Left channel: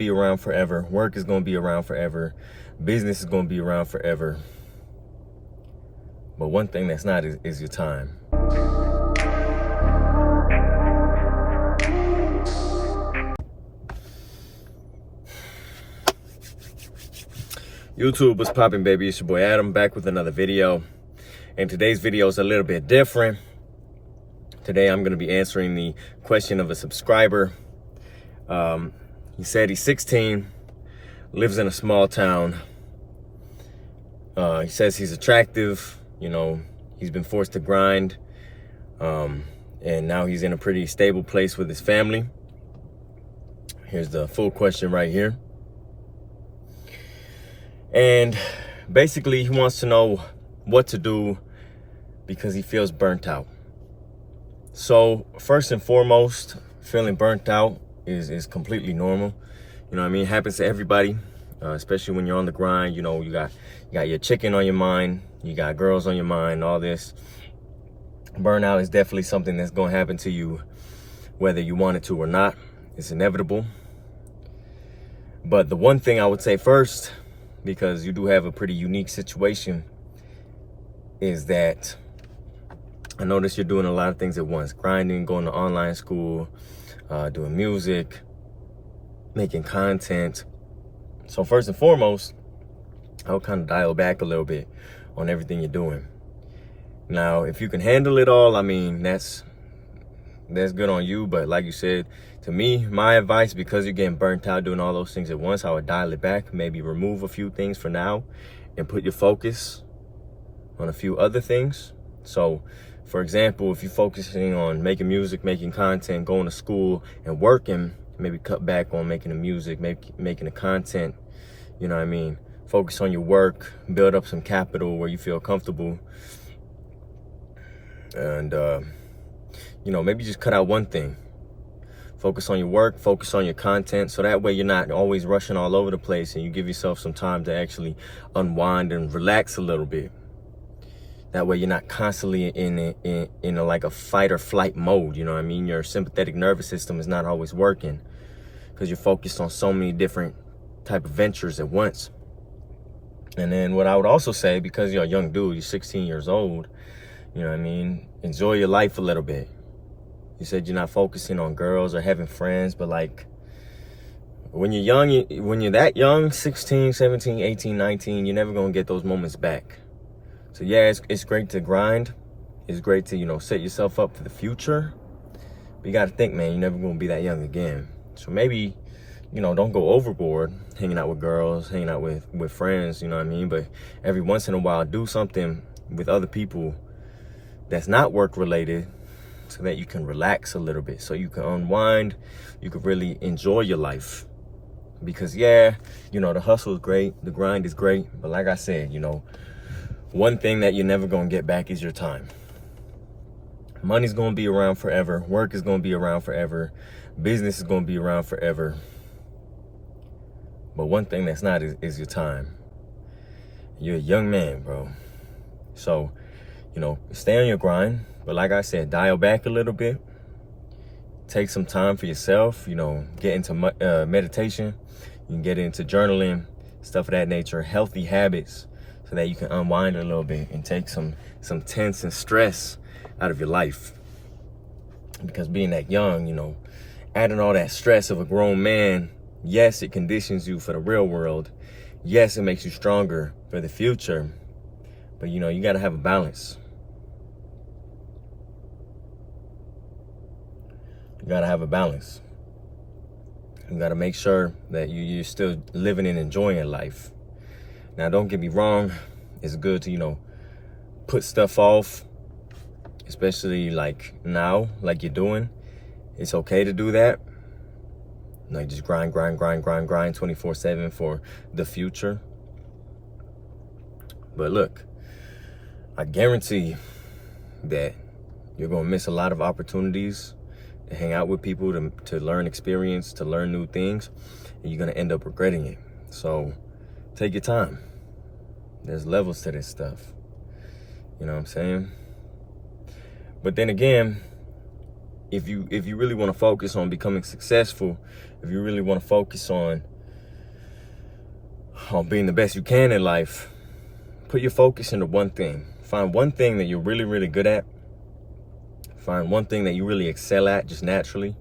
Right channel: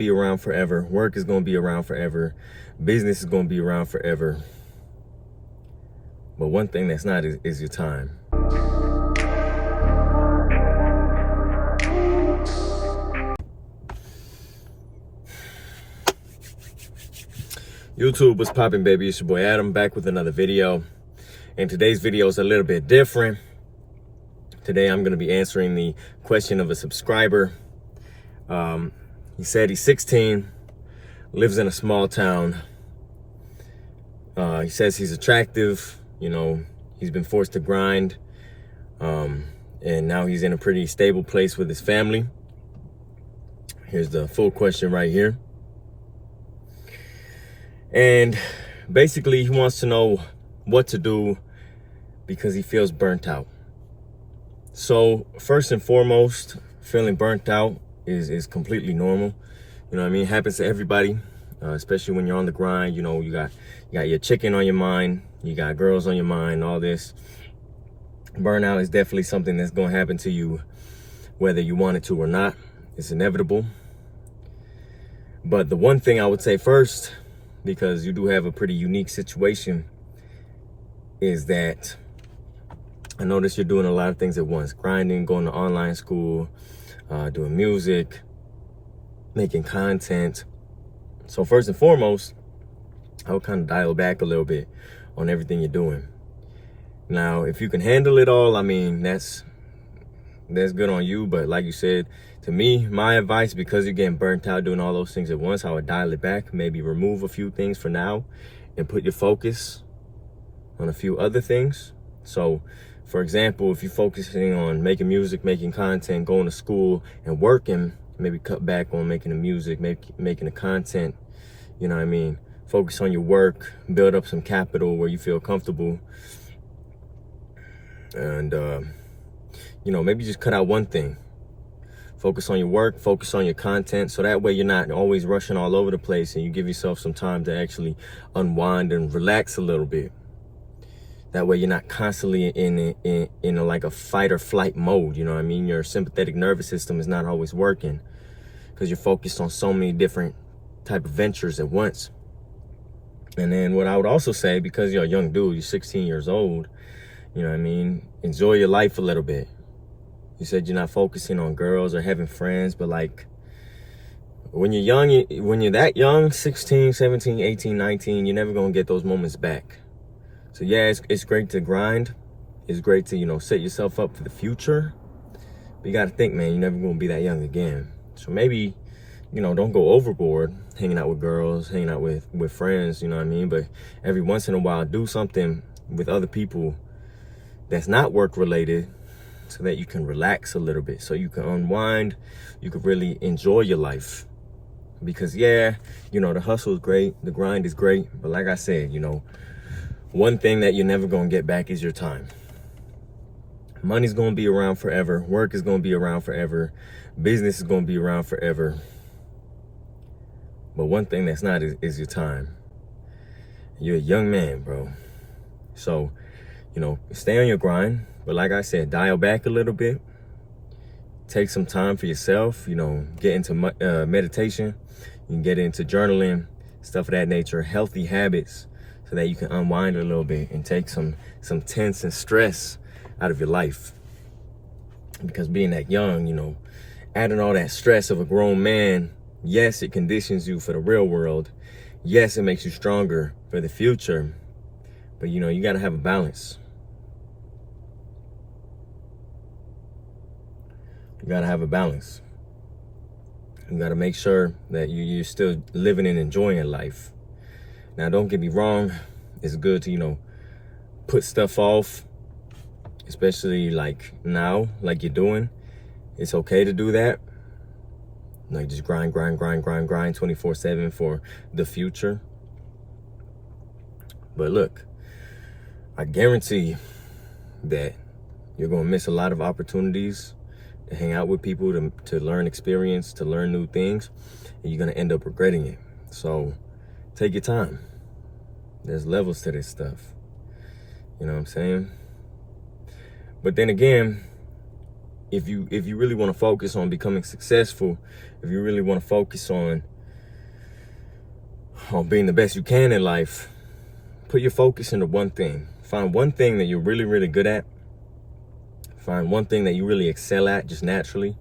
Be around forever. Work is going to be around forever. Business is going to be around forever. But one thing that's not is your time. YouTube, what's poppin', baby? It's your boy Adam back with another video. And today's video is a little bit different. Today I'm going to be answering the question of a subscriber. He said he's 16, lives in a small town. He says he's attractive, he's been forced to grind. And now he's in a pretty stable place with his family. Here's the full question right here. And basically he wants to know what to do because he feels burnt out. So first and foremost, feeling burnt out is completely normal. You know what I mean? It happens to everybody, especially when you're on the grind. You got your chicken on your mind, you got girls on your mind, all this. Burnout is definitely something that's going to happen to you, whether you want it to or not. It's inevitable. But the one thing I would say first, because you do have a pretty unique situation, is that I notice you're doing a lot of things at once. Grinding, going to online school, doing music, making content. So first and foremost, I'll kind of dial back a little bit on everything you're doing. Now, if you can handle it all, I mean, that's good on you. But like you said, to me, my advice, because you're getting burnt out doing all those things at once, I would dial it back, maybe remove a few things for now and put your focus on a few other things. So for example, if you're focusing on making music, making content, going to school and working, maybe cut back on making the music, making the content, you know what I mean? Focus on your work, build up some capital where you feel comfortable. And, maybe just cut out one thing. Focus on your work, focus on your content. So that way you're not always rushing all over the place and you give yourself some time to actually unwind and relax a little bit. That way you're not constantly in like a fight or flight mode, you know what I mean? Your sympathetic nervous system is not always working because you're focused on so many different type of ventures at once. And then what I would also say, because you're a young dude, you're 16 years old, you know what I mean? Enjoy your life a little bit. You said you're not focusing on girls or having friends, but like when you're young, when you're that young, 16, 17, 18, 19, you're never going to get those moments back. So yeah, it's great to grind. It's great to, set yourself up for the future. But you got to think, man, you're never going to be that young again. So maybe, don't go overboard hanging out with girls, hanging out with friends, you know what I mean? But every once in a while, do something with other people that's not work related so that you can relax a little bit, so you can unwind, you can really enjoy your life. Because yeah, the hustle is great, the grind is great. But like I said, one thing that you're never going to get back is your time. Money's going to be around forever. Work is going to be around forever. Business is going to be around forever. But one thing that's not is your time. You're a young man, bro. So, stay on your grind. But like I said, dial back a little bit. Take some time for yourself. Get into meditation. You can get into journaling, stuff of that nature, healthy habits, so that you can unwind a little bit and take some tense and stress out of your life. Because being that young, adding all that stress of a grown man, yes, it conditions you for the real world. Yes, it makes you stronger for the future. But, you got to have a balance. You got to have a balance. You got to make sure that you're still living and enjoying life. Now, don't get me wrong. It's good to, put stuff off, especially like now, like you're doing. It's okay to do that. Like just grind 24/7 for the future. But look, I guarantee that you're going to miss a lot of opportunities to hang out with people, to learn experience, to learn new things, and you're going to end up regretting it. So take your time. There's levels to this stuff. You know what I'm saying? But then again, if you really want to focus on becoming successful, if you really want to focus on being the best you can in life, put your focus into one thing. Find one thing that you're really, really good at. Find one thing that you really excel at just naturally.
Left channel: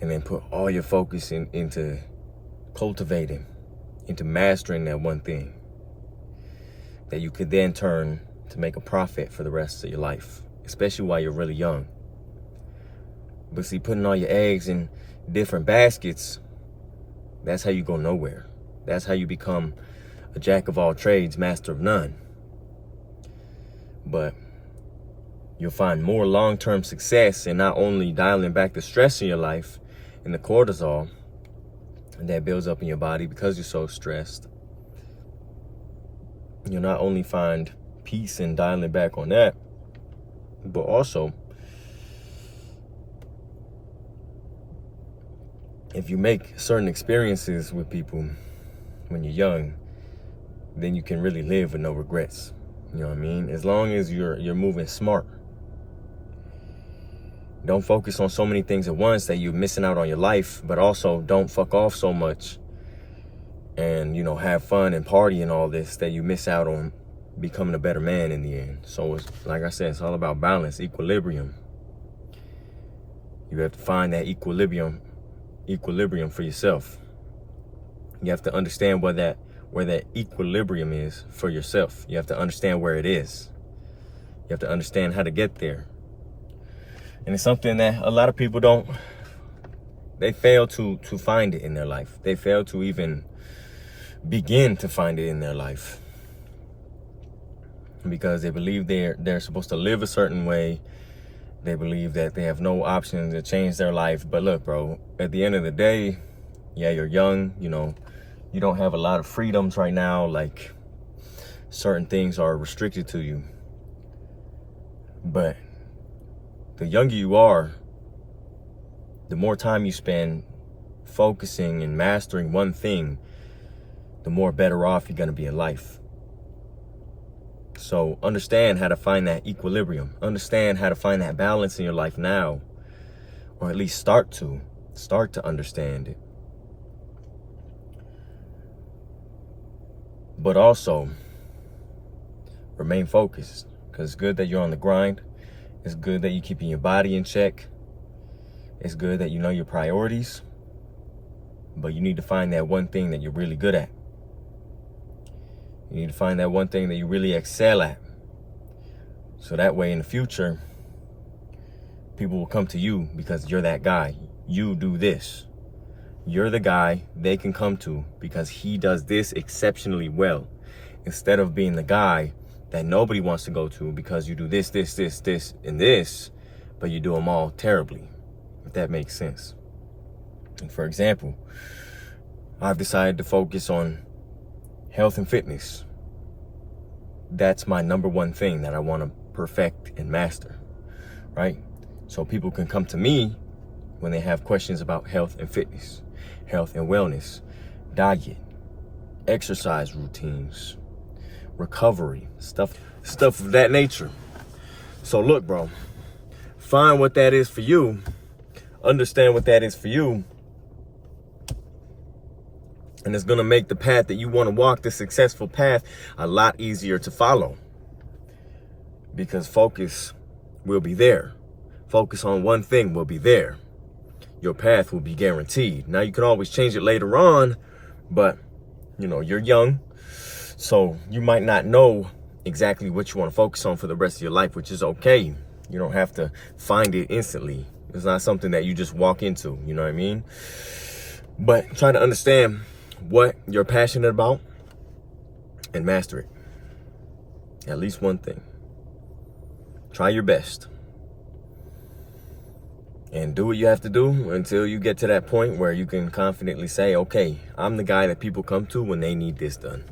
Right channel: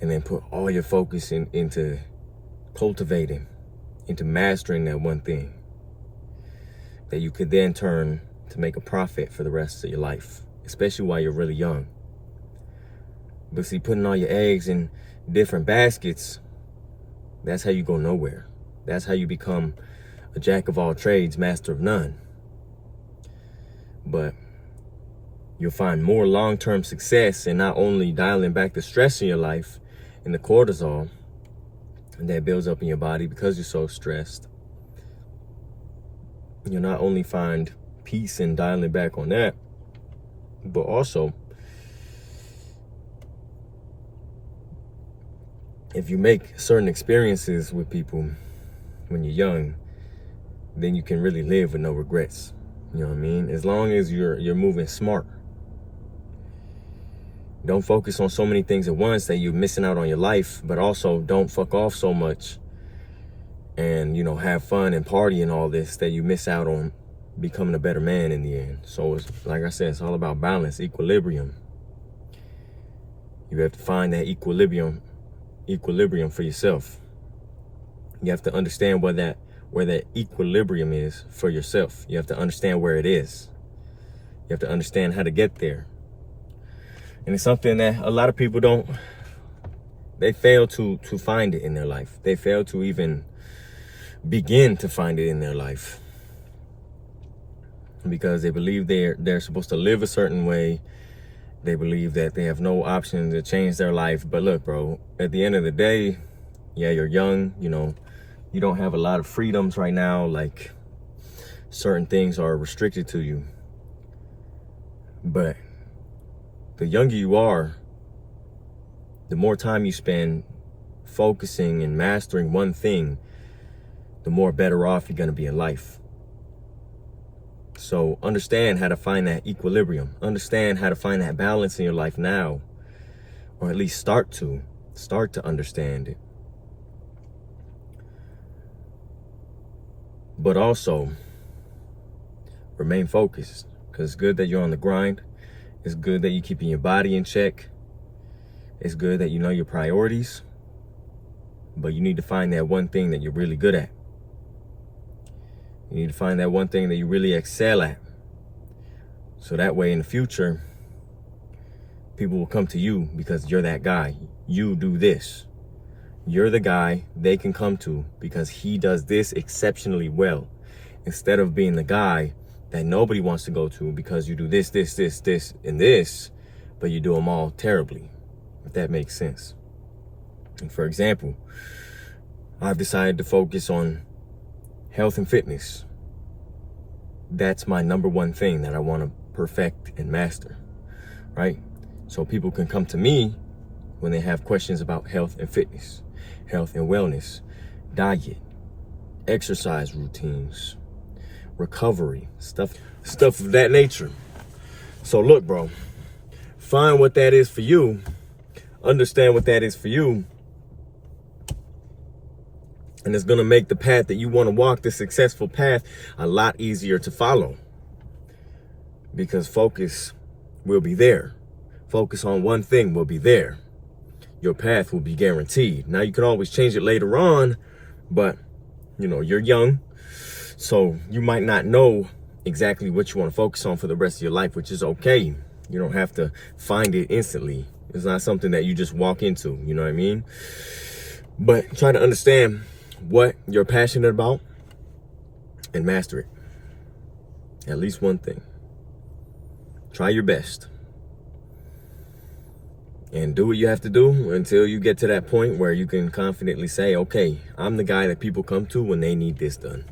And then put all your focus into cultivating, into mastering that one thing that you could then turn to make a profit for the rest of your life, especially while you're really young. But see, putting all your eggs in different baskets, that's how you go nowhere. That's how you become a jack of all trades, master of none. But you'll find more long-term success in not only dialing back the stress in your life and the cortisol that builds up in your body because you're so stressed. You'll not only find peace in dialing back on that, but also if you make certain experiences with people when you're young, then you can really live with no regrets. You know what I mean? As long as you're moving smart. Don't focus on so many things at once that you're missing out on your life, but also don't fuck off so much and, you know, have fun and party and all this that you miss out on becoming a better man in the end. So it's, like I said, it's all about balance, equilibrium. You have to find that equilibrium for yourself. You have to understand where that equilibrium is for yourself. You have to understand where it is. You have to understand how to get there. And it's something that a lot of people they fail to find it in their life. They fail to even begin to find it in their life. Because they believe they're supposed to live a certain way. They believe that they have no option to change their life. But look, bro, at the end of the day, yeah, you're young, you know, you don't have a lot of freedoms right now. Like, certain things are restricted to you. But the younger you are, the more time you spend focusing and mastering one thing, the more better off you're going to be in life. So understand how to find that equilibrium. Understand how to find that balance in your life now, or at least start to understand it. But also remain focused, because it's good that you're on the grind. It's good that you're keeping your body in check. It's good that you know your priorities. But you need to find that one thing that you're really good at. You need to find that one thing that you really excel at. So that way in the future, people will come to you because you're that guy. You do this. You're the guy they can come to because he does this exceptionally well. Instead of being the guy that nobody wants to go to because you do this, and this, but you do them all terribly, if that makes sense. And for example, I've decided to focus on health and fitness. That's my number one thing that I want to perfect and master, right? So people can come to me when they have questions about health and fitness, health and wellness, diet, exercise routines, recovery, stuff of that nature. So look, bro, find what that is for you. Understand what that is for you. And it's going to make the path that you want to walk, the successful path, a lot easier to follow. Because focus will be there. Focus on one thing will be there. Your path will be guaranteed. Now, you can always change it later on, but, you know, you're young. So you might not know exactly what you want to focus on for the rest of your life, which is okay. You don't have to find it instantly. It's not something that you just walk into, you know what I mean? But try to understand what you're passionate about and master it. At least one thing. Try your best. And do what you have to do until you get to that point where you can confidently say, okay, I'm the guy that people come to when they need this done.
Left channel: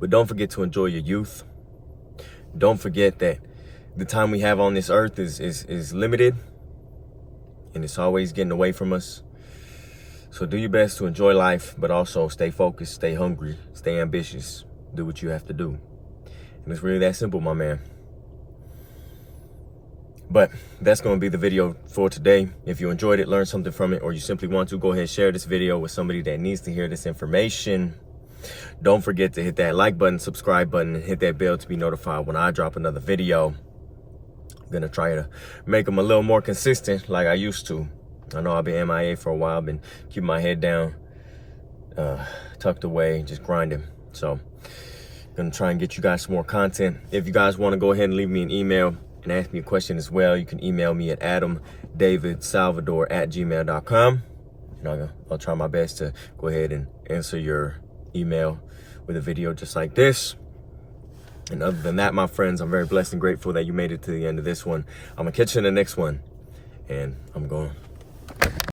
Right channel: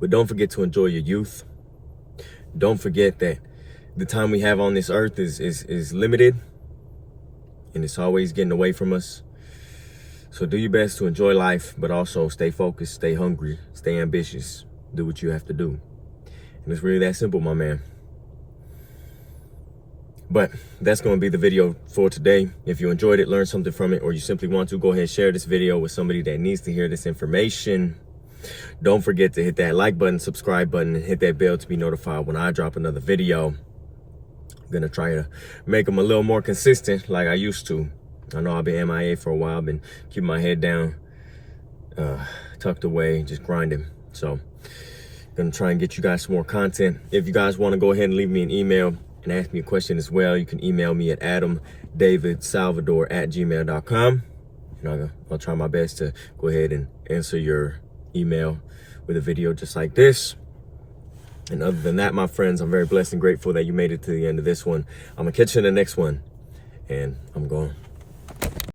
But don't forget to enjoy your youth. Don't forget that the time we have on this earth is limited, and it's always getting away from us. So do your best to enjoy life, but also stay focused, stay hungry, stay ambitious, do what you have to do. And it's really that simple, my man. But that's going to be the video for today. If you enjoyed it, learned something from it, or you simply want to, go ahead and share this video with somebody that needs to hear this information. Don't forget to hit that like button, subscribe button, and hit that bell to be notified when I drop another video. I'm going to try to make them a little more consistent like I used to. I know I've been MIA for a while. I've been keeping my head down, tucked away, just grinding. So gonna try and get you guys some more content. If you guys want to go ahead and leave me an email and ask me a question as well, you can email me at adamdavidsalvador@gmail.com. And I'll try my best to go ahead and answer your email with a video just like this. And other than that, my friends, I'm very blessed and grateful that you made it to the end of this one. I'm gonna catch you in the next one, and I'm going.